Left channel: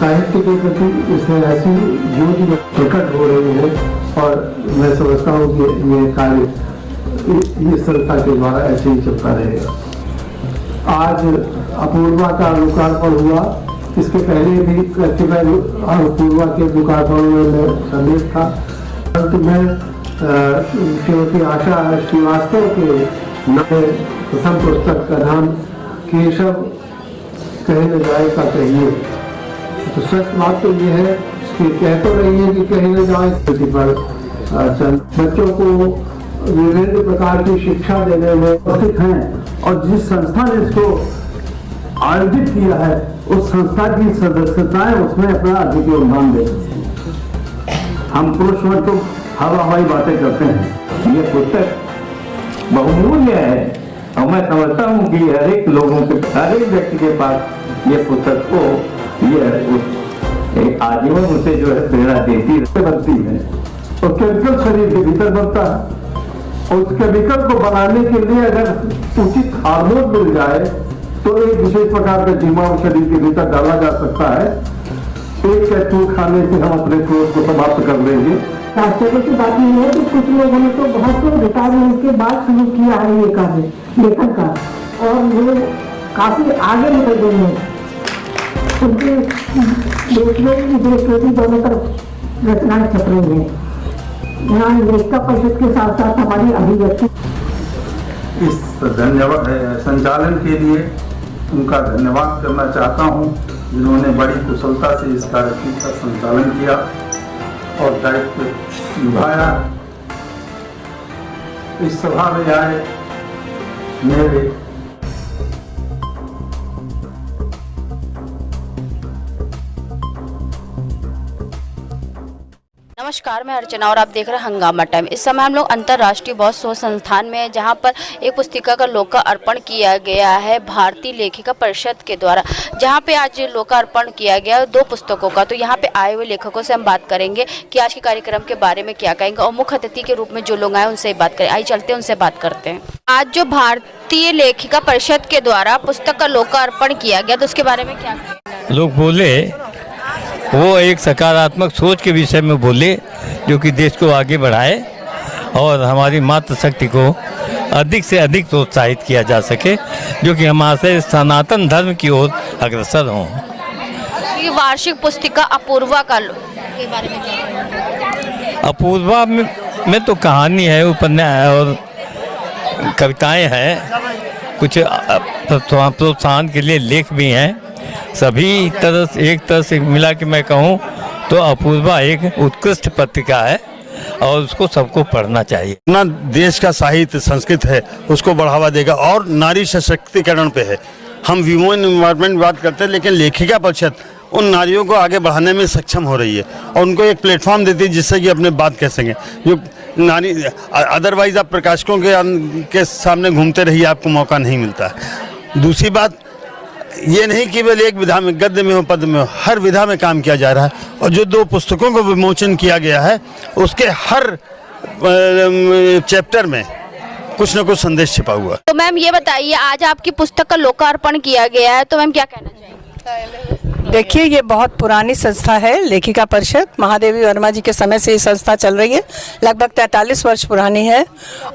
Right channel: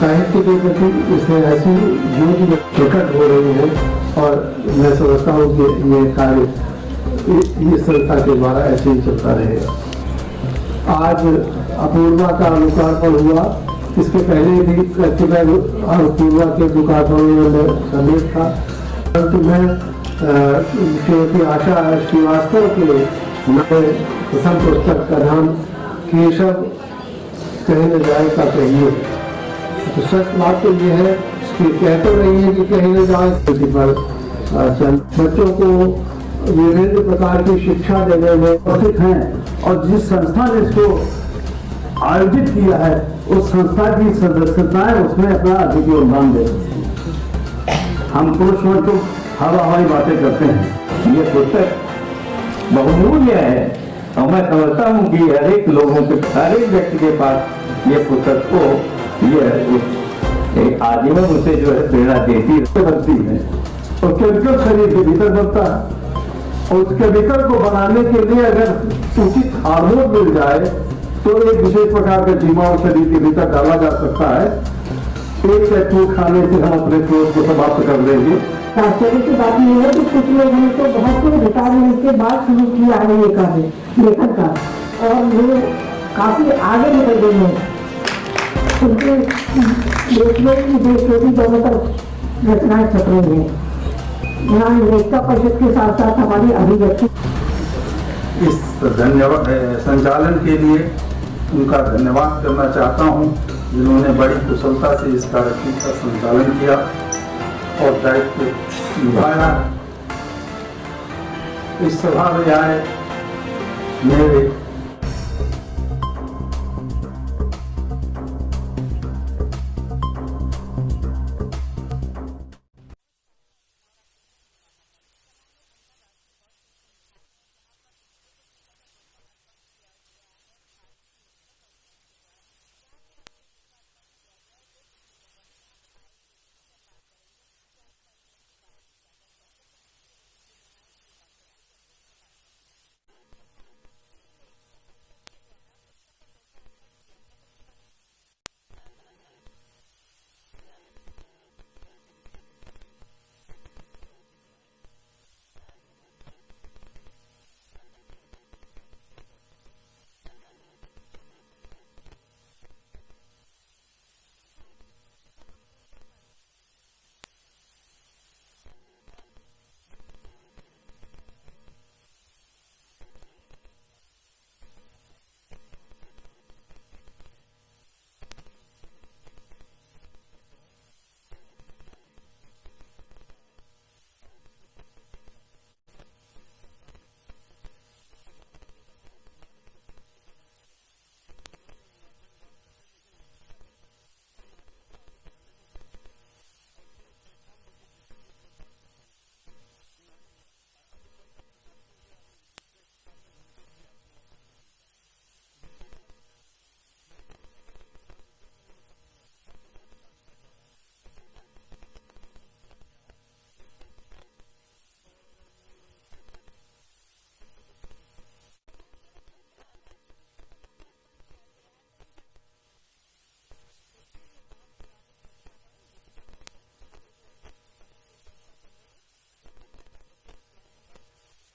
साहित्य के प्रति इसमें ऐसी ज्योति प्रकट हो रही है और मैं समझता हूँ कि ये कार्य इस संस्था के द्वारा ऐसे ही चलता रहेगा। आज अपूर्वा का लोकार्पण हुआ, इसके पहले भी अपूर्वा के लोकार्पण में सम्मिलित था, परंतु मैं श्रीमती आशा श्रीवास्तव के नए प्रथम पुस्तक का नाम केशव कहीं न जाए का कहिए। तो सच बात तो ये है कि कह तो रही है कि कहीं न जाए पर बच्चों को विभिन्न प्रकार की शिक्षा देने में उपस्थित हैं और जिस संस्था ने इसको आयोजित किया है उस संस्था की सदस्यताएं उसमें अपना अधिक योगदान दे सकती हैं। हम पुरुष वर्ग तो हवाई बातें करते हैं, ये पुस्तक बहुमूल्य है और मैं समझता हूँ कि हर एक व्यक्ति के पास ये पुस्तक को ये आजीवन उसे जो है प्रेरणा बनती है और केमिकल शरीर के भीतर बनता है और उस केमिकल को बनाने के लिए अगर उचित हार्मोन मिल जाए तो एक विशेष प्रकार का जीवाणु शरीर के भीतर डाला जा सकता है। एक कैप्सूल खाने से हम अपने क्रोध को समाप्त कर देंगे। आश्चर्य की बात यह है कि कुछ लोगों ने तो बहुत रिटायरमेंट के बाद शुरू किया है ये कार्य लेखन का और वो काफी आगे निकल गए हैं। उनके देश में विदेश दोनों तरफ रचनाएं छप रही हैं। यहाँ लेखिका परिषद के साथ साथ हमारी अभिव्यक्ति इस धन्यवाद संचालन के लिए उनका धन्यवाद करना चाहता हूँ जिन्होंने बड़ी कुशलता से इस कार्यक्रम का संचालन किया और दायित्व निभाया। इस सभा में आए मेरे नमस्कार, मैं अर्चना और आप देख रहे हैं हंगामा टाइम। इस समय हम लोग अंतर्राष्ट्रीय बौद्ध शोध संस्थान में हैं, जहां पर एक पुस्तिका का लोकार्पण किया गया है भारतीय लेखिका परिषद के द्वारा, जहां पे आज लोकार्पण किया गया 2 पुस्तकों का। तो यहां पे आए हुए लेखकों से हम बात करेंगे कि आज के कार्यक्रम के बारे में क्या कहेंगे और मुख्य अतिथि के रूप में जो लोग आए उनसे बात करें। आइए चलते हैं, उनसे बात करते हैं। आज जो भारतीय लेखिका परिषद के द्वारा पुस्तक का लोकार्पण किया गया, तो उसके बारे में क्या लोग बोले, वो एक सकारात्मक सोच के विषय में बोले जो कि देश को आगे बढ़ाए और हमारी मातृशक्ति को अधिक से अधिक प्रोत्साहित किया जा सके, जो कि हमारे सनातन धर्म की ओर अग्रसर हों। ये वार्षिक पुस्तिका अपूर्वा के बारे में क्या? अपूर्वा में तो कहानी है, उपन्यास और कविताएं हैं, कुछ प्रोत्साहन के लिए लेख भी हैं। सभी तरह से एक तरह से मिला के मैं कहूँ तो अपूर्वा एक उत्कृष्ट पत्रिका है और उसको सबको पढ़ना चाहिए। अपना देश का साहित्य संस्कृत है उसको बढ़ावा देगा और नारी सशक्तिकरण पे है। हम वुमेन एनवायरनमेंट बात करते हैं, लेकिन लेखिका परिषद उन नारियों को आगे बढ़ाने में सक्षम हो रही है और उनको एक प्लेटफॉर्म देती है जिससे कि अपने बात कह सकें। जो नारी अदरवाइज आप प्रकाशकों के सामने घूमते रहिए, आपको मौका नहीं मिलता है। दूसरी बात ये नहीं केवल एक विधा में, गद्य में हो, पद में हो, हर विधा में काम किया जा रहा है और जो 2 पुस्तकों को विमोचन किया गया है उसके हर चैप्टर में कुछ न कुछ संदेश छिपा हुआ। तो मैम ये बताइए, आज आपकी पुस्तक का लोकार्पण किया गया है, तो मैम क्या कहना चाहिए? देखिए, ये बहुत पुरानी संस्था है, लेखिका परिषद महादेवी वर्मा जी के समय से ये संस्था चल रही है। लगभग 43 वर्ष पुरानी है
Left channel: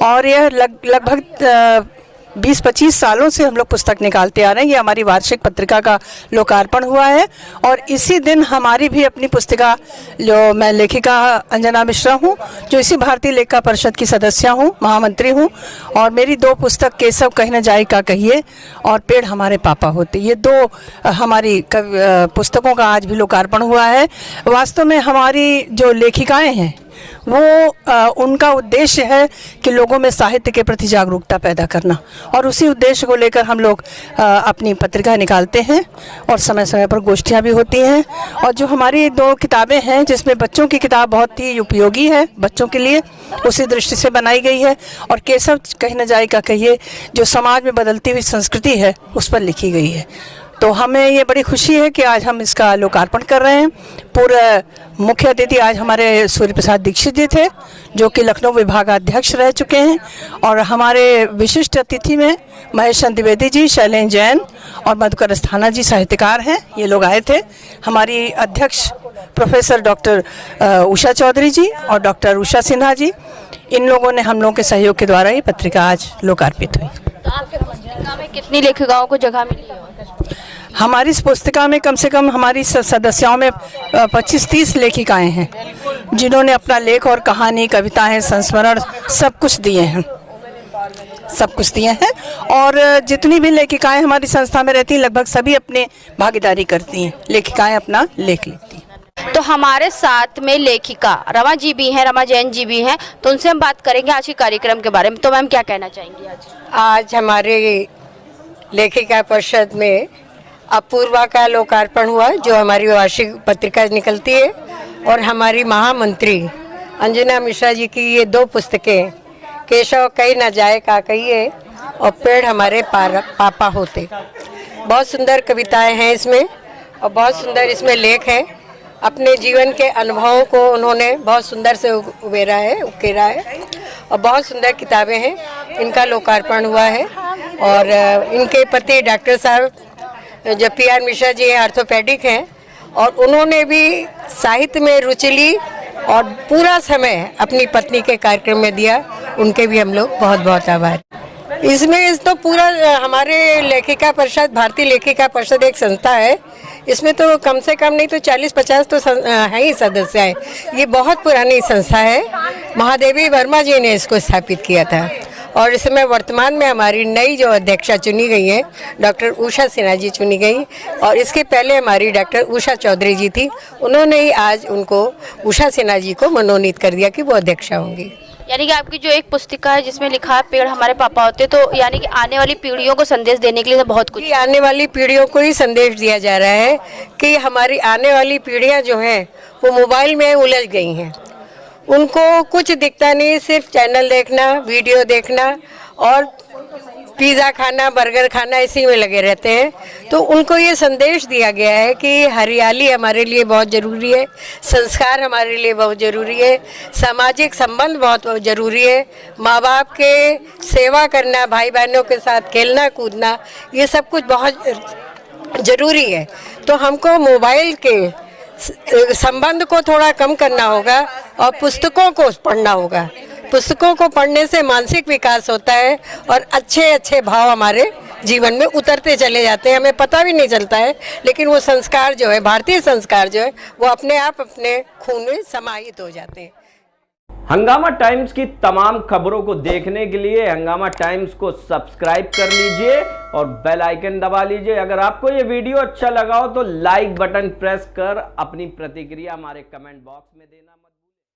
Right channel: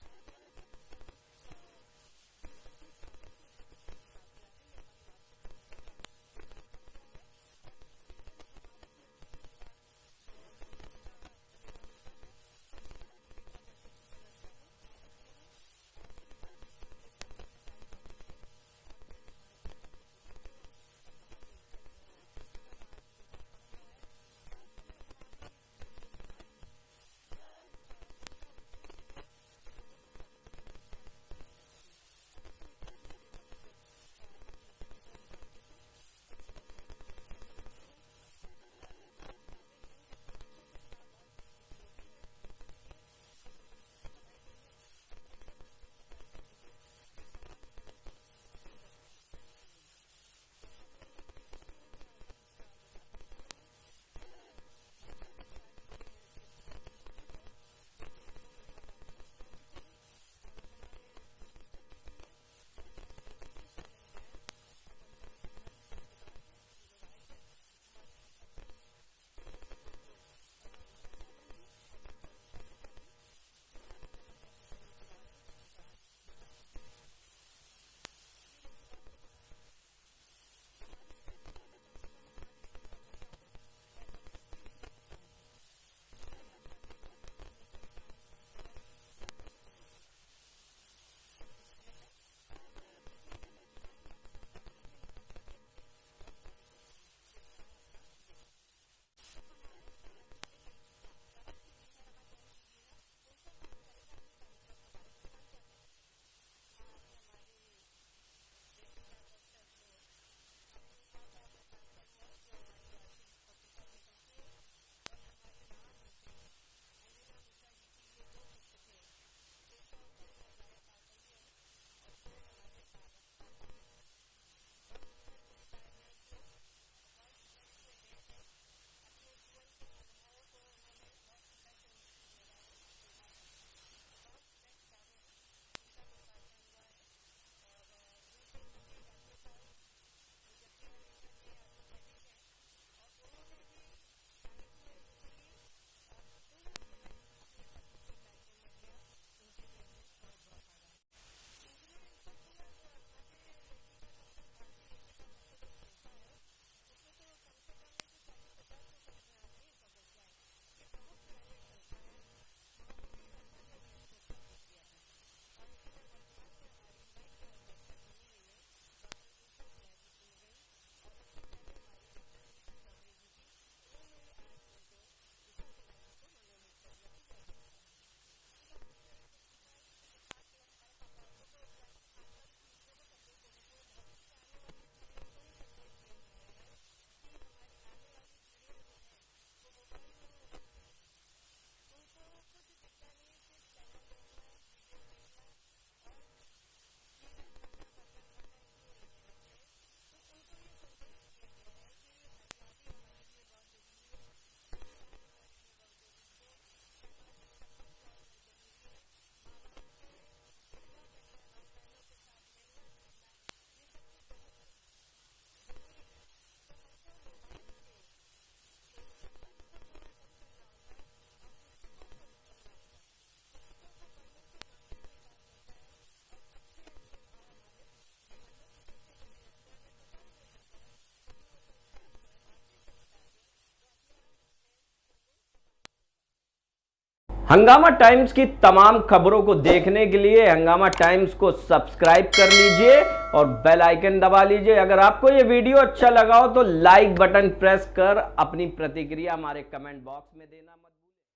और यह लगभग 20-25 सालों से हम लोग पुस्तक निकालते आ रहे हैं। ये हमारी वार्षिक पत्रिका का लोकार्पण हुआ है और इसी दिन हमारी भी अपनी पुस्तिका, जो मैं लेखिका अंजना मिश्रा हूँ, जो इसी भारतीय लेखिका परिषद की सदस्य हूँ, महामंत्री हूँ, और मेरी 2 पुस्तक केशव कहीं न जाए का कहिए और पेड़ हमारे पापा होते, ये 2 हमारी पुस्तकों का आज भी लोकार्पण हुआ है। वास्तव में हमारी जो लेखिकाएँ हैं वो उनका उद्देश्य है कि लोगों में साहित्य के प्रति जागरूकता पैदा करना और उसी उद्देश्य को लेकर हम लोग अपनी पत्रिका निकालते हैं और समय समय पर गोष्ठियाँ भी होती हैं। और जो हमारी 2 किताबें हैं, जिसमें बच्चों की किताब बहुत ही उपयोगी है बच्चों के लिए, उसी दृष्टि से बनाई गई है, और केशव कहीं न जाए का कहिए जो समाज में बदलती हुई संस्कृति है उस पर लिखी गई है। तो हमें ये बड़ी खुशी है कि आज हम इसका लोकार्पण कर रहे हैं। पूरे मुख्य अतिथि आज हमारे सूर्य प्रसाद दीक्षित जी थे, जो कि लखनऊ विभागाध्यक्ष रह चुके हैं, और हमारे विशिष्ट अतिथि में महेश चंद्र द्विवेदी जी, शैलेंद्र जैन और मधुकर अस्थाना जी साहित्यकार हैं, ये लोग आए थे। हमारी अध्यक्ष प्रोफेसर डॉक्टर उषा चौधरी जी और डॉक्टर उषा सिन्हा जी, इन लोगों ने हम लोगों के सहयोग के द्वारा ये पत्रिका आज लोकार्पित हुई। तो आपके पुस्तिका में कितनी लेखिकाओं को जगह मिली है? हमारी इस पुस्तिका में कम से कम हमारी सदस्यों में 25-30 लेखिकाएं हैं, जिन्होंने अपना लेख और कहानी, कविताएं, संस्मरण सब कुछ दिए हैं, सब कुछ दिए हैं। और जितनी भी लेखिकाएं हमारी संस्था में रहती हैं, लगभग सभी अपने भागीदारी करती हैं, लेखिकाएं अपना लेख लिखती हैं। तो हमारे साथ में लेखिका रमा जी भी हैं, रमा जैन जी भी हैं, तो उनसे हम बात करेंगे आज के कार्यक्रम के बारे में। तो मैम क्या कहना चाहेंगी? आज हमारे लेखिका परिषद में अपूर्वा का लोकार्पण हुआ, जो हमारी वार्षिक पत्रिका निकलती है, और हमारी महामंत्री अंजना मिश्रा जी की ये 2 पुस्तकें, केशव कहीं न जाए का कहिए और पेड़ हमारे पापा होते। बहुत सुंदर कविताएं हैं इसमें और बहुत सुंदर इसमें लेख है। अपने जीवन के अनुभवों को उन्होंने बहुत सुंदर से उकेरा है और बहुत सुंदर किताबें हैं। इनका लोकार्पण हुआ है और इनके पति डॉक्टर साहब जो PR मिश्रा जी ऑर्थोपेडिक हैं, और उन्होंने भी साहित्य में रुचि ली और पूरा समय अपनी पत्नी के कार्यक्रम में दिया। उनके भी हम लोग बहुत बहुत आभार। इसमें तो पूरा हमारे लेखिका परिषद, भारतीय लेखिका परिषद एक संस्था है, इसमें तो कम से कम नहीं तो 40-50 तो हैं ही सदस्य हैं। ये बहुत पुरानी संस्था है, महादेवी वर्मा जी ने इसको स्थापित किया था, और इस समय वर्तमान में हमारी नई जो अध्यक्षा चुनी गई है डॉक्टर उषा सिन्हा जी चुनी गई, और इसके पहले हमारी डॉक्टर उषा चौधरी जी थी, उन्होंने ही आज उनको उषा सिन्हा जी को मनोनीत कर दिया कि वो अध्यक्षा होंगी। यानी कि आपकी जो एक पुस्तिका है जिसमें लिखा है पेड़ हमारे पापा होते, तो यानी कि आने वाली पीढ़ियों को संदेश देने के लिए तो बहुत कुछ, आने वाली पीढ़ियों को ही संदेश दिया जा रहा है कि हमारी आने वाली पीढ़ियां जो हैं वो मोबाइल में उलझ गई हैं। उनको कुछ दिखता नहीं, सिर्फ चैनल देखना, वीडियो देखना और पिज़्ज़ा खाना, बर्गर खाना, इसी में लगे रहते हैं। तो उनको ये संदेश दिया गया है कि हरियाली हमारे लिए बहुत ज़रूरी है, संस्कार हमारे लिए बहुत ज़रूरी है, सामाजिक संबंध बहुत ज़रूरी है, माँ बाप के सेवा करना, भाई बहनों के साथ खेलना कूदना, ये सब कुछ बहुत ज़रूरी है। तो हमको मोबाइल के संबंध को थोड़ा कम करना होगा और पुस्तकों को पढ़ना होगा। पुस्तकों को पढ़ने से मानसिक विकास होता है और अच्छे अच्छे भाव हमारे जीवन में उतरते चले जाते हैं, हमें पता भी नहीं चलता है, लेकिन वो संस्कार जो है, भारतीय संस्कार जो है, वो अपने आप अपने खून में समाहित हो जाते हैं। हंगामा टाइम्स की तमाम खबरों को देखने के लिए हंगामा टाइम्स को सब्सक्राइब कर लीजिए और बेल आइकन दबा लीजिए। अगर आपको ये वीडियो अच्छा लगा हो तो लाइक बटन प्रेस कर अपनी प्रतिक्रिया हमारे कमेंट बॉक्स में देना मत